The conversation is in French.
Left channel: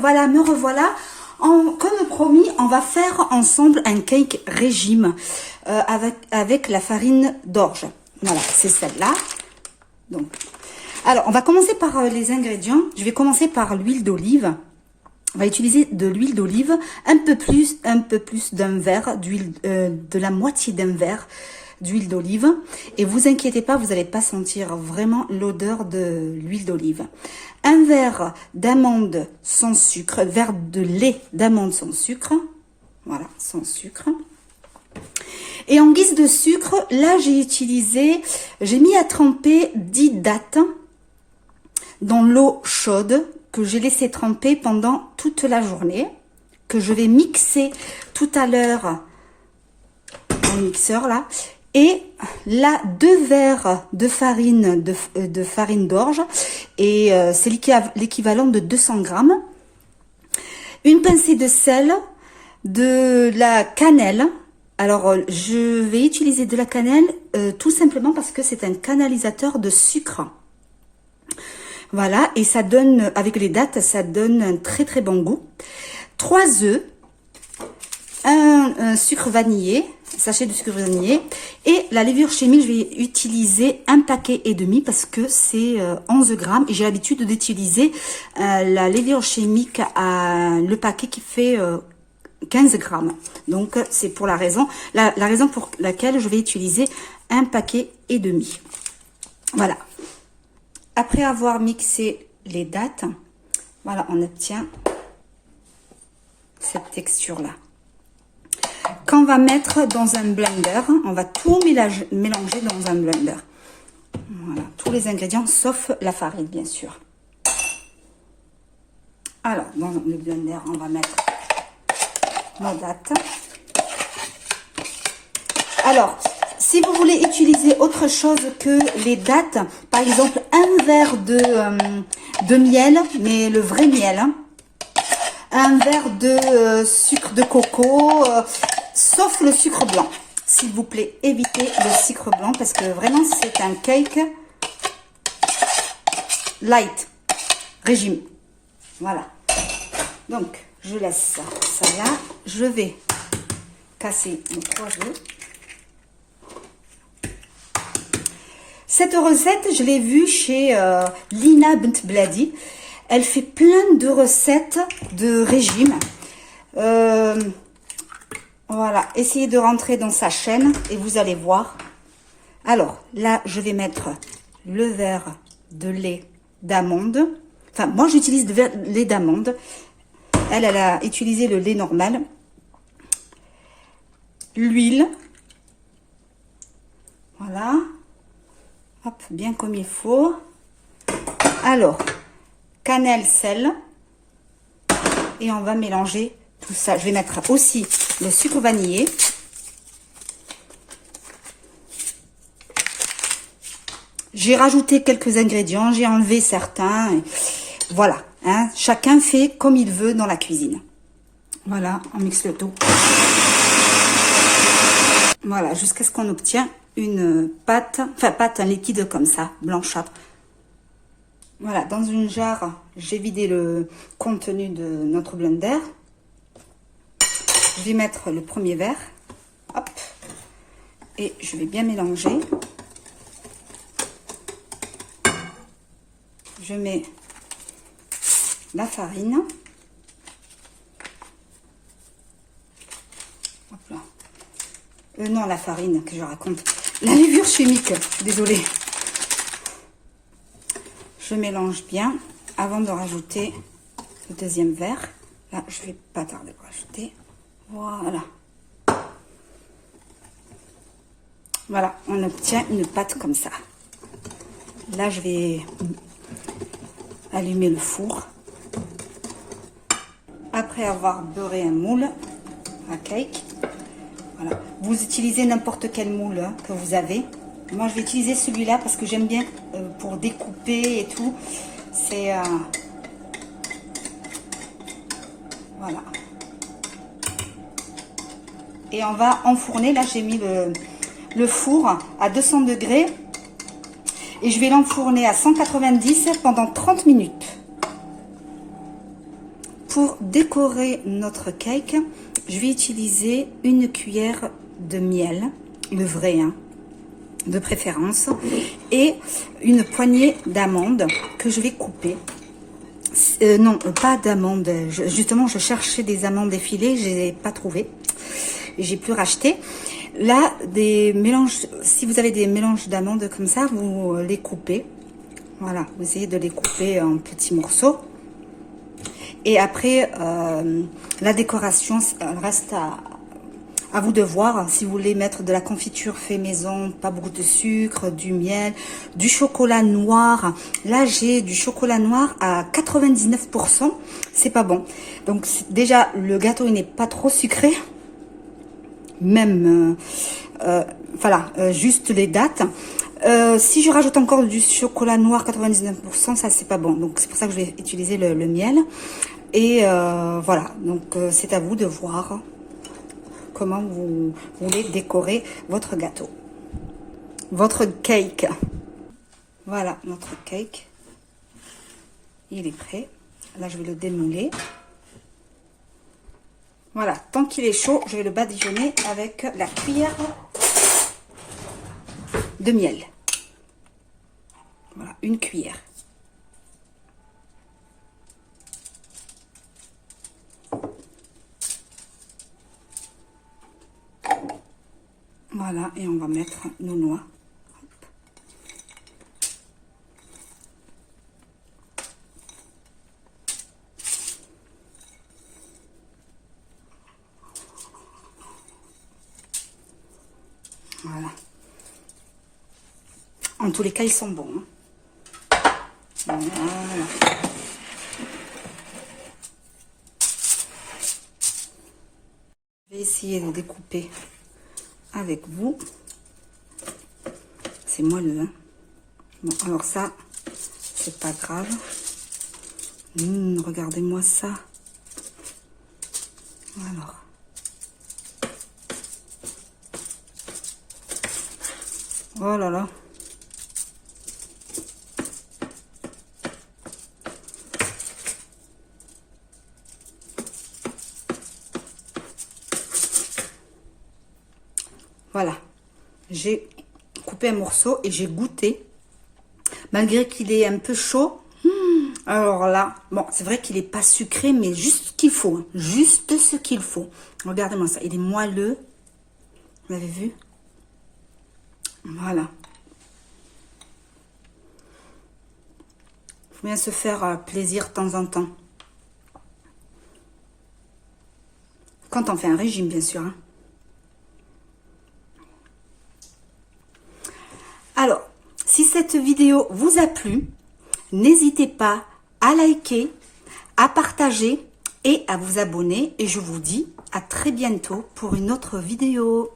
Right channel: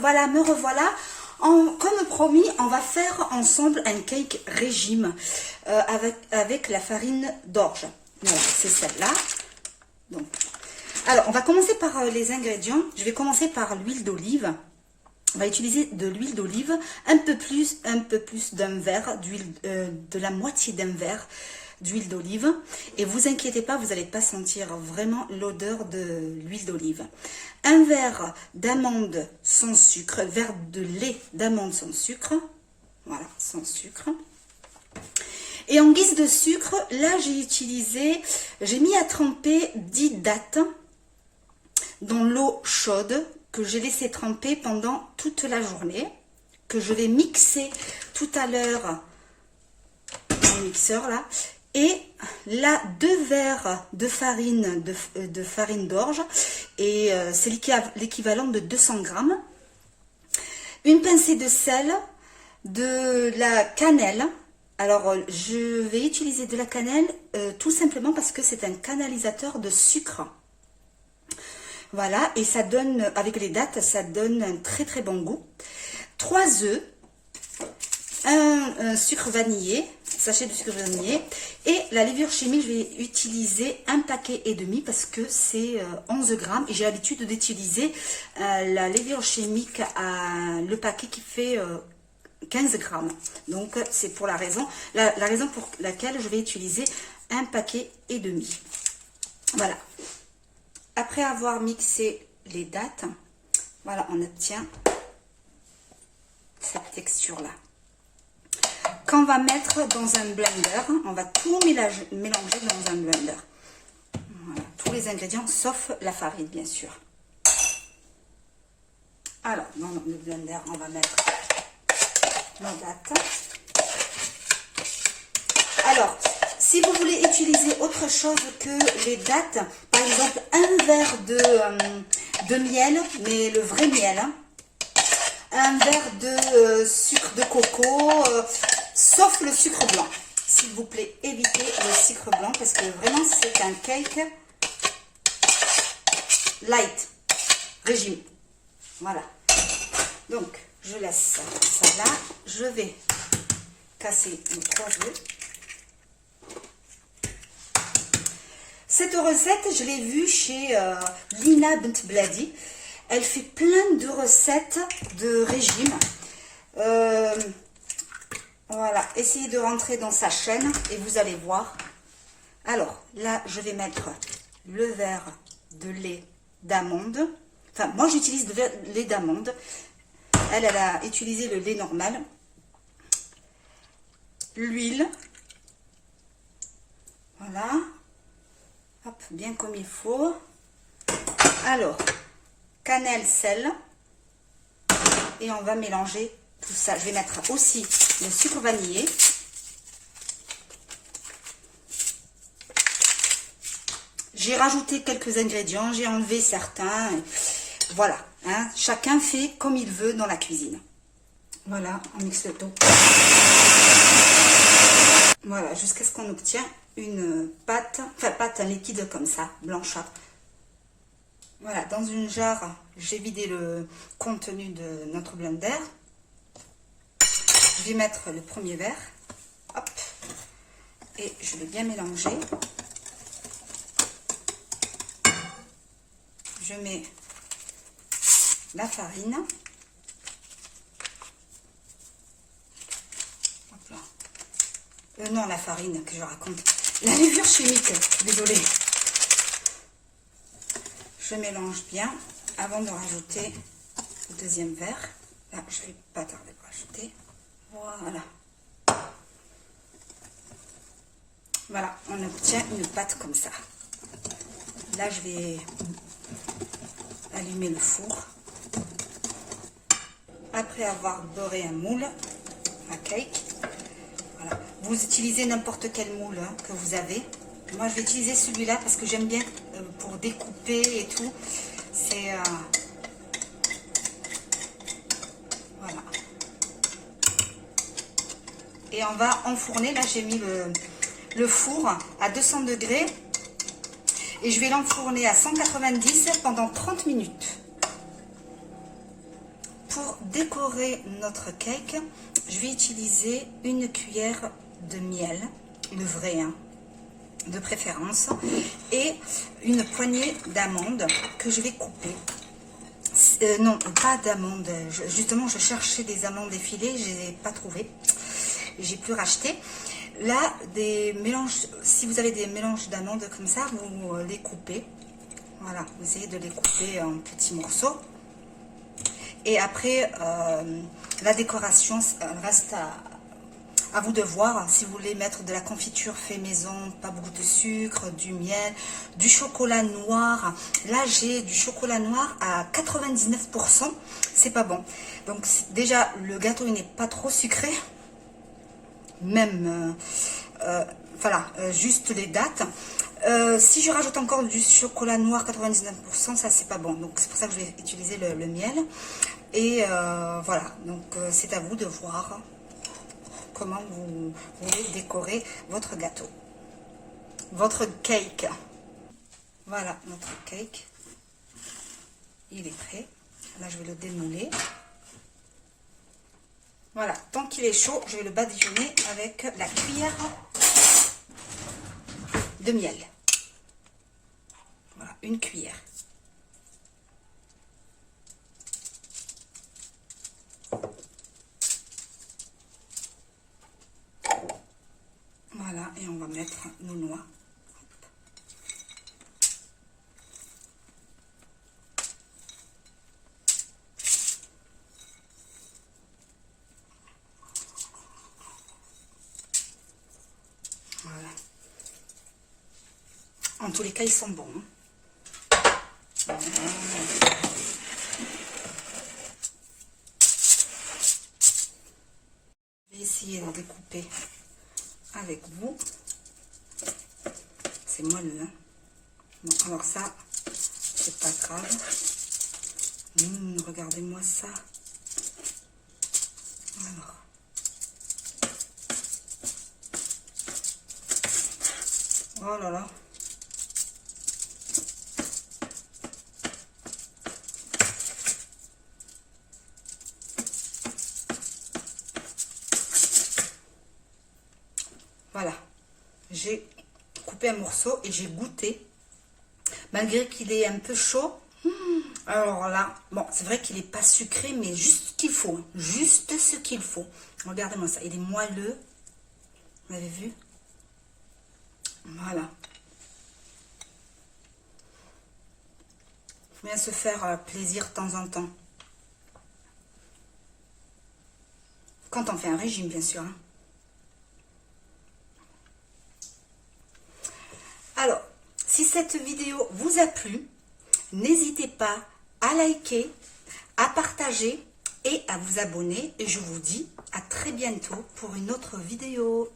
voilà, me revoilà. Comme promis, on va faire ensemble un cake régime avec la farine d'orge. Voilà, c'est celle-là. Donc, alors, on va commencer par les ingrédients. Je vais commencer par l'huile d'olive. On va utiliser de l'huile d'olive, un peu plus d'un verre d'huile, de la moitié d'un verre d'huile d'olive. Et vous inquiétez pas, vous n'allez pas sentir vraiment l'odeur de l'huile d'olive. Un verre d'amandes sans sucre, verre de lait d'amande sans sucre. Voilà, sans sucre. Et en guise de sucre, là j'ai mis à tremper 10 dattes dans l'eau chaude que j'ai laissé tremper pendant toute la journée, que je vais mixer tout à l'heure dans le mixeur là. Et là, 2 verres de farine d'orge, et c'est l'équivalent de 200 grammes. Une pincée de sel, de la cannelle. Alors, je vais utiliser de la cannelle tout simplement parce que c'est un canalisateur de sucre. Voilà, et ça donne, avec les dattes, ça donne un très très bon goût. 3 œufs, un sucre vanillé, sachet de sucre vanillé, et la levure chimique, je vais utiliser 1,5 paquet parce que c'est 11 grammes, et j'ai l'habitude d'utiliser la levure chimique le paquet qui fait 15 grammes. Donc c'est pour la raison pour laquelle je vais utiliser 1,5 paquet. Voilà. Après avoir mixé les dattes, voilà, on obtient cette texture là. Qu'on va mettre dans un blender, on va tout mélanger dans un blender. Voilà, tous les ingrédients sauf la farine bien sûr. Alors dans le blender, on va mettre nos dattes. Alors, si vous voulez utiliser autre chose que les dattes, par exemple un verre de miel, mais le vrai miel, hein, un verre de sucre de coco, sauf le sucre blanc. S'il vous plaît, évitez le sucre blanc parce que vraiment c'est un cake light, régime. Voilà. Donc, je laisse ça là. Je vais casser mes 3 œufs. Cette recette, je l'ai vue chez Lina Bent Bladi. Elle fait plein de recettes de régime. Voilà, essayez de rentrer dans sa chaîne et vous allez voir. Alors, là, je vais mettre le verre de lait d'amande. Enfin, moi, j'utilise le lait d'amande. Elle a utilisé le lait normal. L'huile. Voilà. Hop, bien comme il faut. Alors, cannelle, sel. Et on va mélanger tout ça. Je vais mettre aussi le sucre vanillé. J'ai rajouté quelques ingrédients, j'ai enlevé certains. Voilà, hein, chacun fait comme il veut dans la cuisine. Voilà, on mixe le tout. Voilà, jusqu'à ce qu'on obtient une pâte, un liquide comme ça, blanchâtre. Voilà, dans une jarre, j'ai vidé le contenu de notre blender. Je vais mettre le premier verre. Hop. Et je vais bien mélanger. Je mets la farine. Hop là. Non, la farine que je raconte. La levure chimique, désolée. Je mélange bien avant de rajouter le deuxième verre. Là, je vais pas tarder pour rajouter. Voilà. Voilà, on obtient une pâte comme ça. Là, je vais allumer le four. Après avoir beurré un moule à cake, voilà. Vous utilisez n'importe quel moule que vous avez. Moi, je vais utiliser celui-là parce que j'aime bien pour découper et tout. C'est voilà. Et on va enfourner. Là, j'ai mis le four à 200 degrés. Et je vais l'enfourner à 190 pendant 30 minutes. Pour décorer notre cake, je vais utiliser une cuillère de miel, le vrai, hein, de préférence, et une poignée d'amandes que je vais couper. Non, pas d'amandes. Justement, je cherchais des amandes effilées, je n'ai pas trouvé. J'ai pu racheter. Là, des mélanges, si vous avez des mélanges d'amandes comme ça, vous les coupez. Voilà, vous essayez de les couper en petits morceaux. Et après, la décoration reste à vous de voir. Si vous voulez mettre de la confiture fait maison, pas beaucoup de sucre, du miel, du chocolat noir. Là, j'ai du chocolat noir à 99%. C'est pas bon. Donc, déjà, le gâteau, il n'est pas trop sucré. Même, voilà, juste les dates. Si je rajoute encore du chocolat noir 99%, ça c'est pas bon. Donc c'est pour ça que je vais utiliser le miel. Et voilà, donc c'est à vous de voir comment vous voulez décorer votre gâteau, votre cake. Voilà notre cake. Il est prêt. Là je vais le démouler. Voilà, tant qu'il est chaud, je vais le badigeonner avec la cuillère de miel. Voilà, une cuillère. Voilà, et on va mettre nos noix. Voilà. En tous les cas, ils sont bons. Hein. Voilà. Je vais essayer de découper avec vous. C'est moelleux. Hein. Bon, alors ça, c'est pas grave. Regardez-moi ça. Alors. Oh là là. Voilà. J'ai coupé un morceau et j'ai goûté. Malgré qu'il est un peu chaud. Alors là, bon, c'est vrai qu'il n'est pas sucré, mais juste ce qu'il faut. Hein, juste ce qu'il faut. Regardez-moi ça. Il est moelleux. Vous l'avez vu? Voilà. Il faut bien se faire plaisir de temps en temps. Quand on fait un régime, bien sûr. Hein. Alors, si cette vidéo vous a plu, n'hésitez pas à liker, à partager et à vous abonner. Et je vous dis à très bientôt pour une autre vidéo.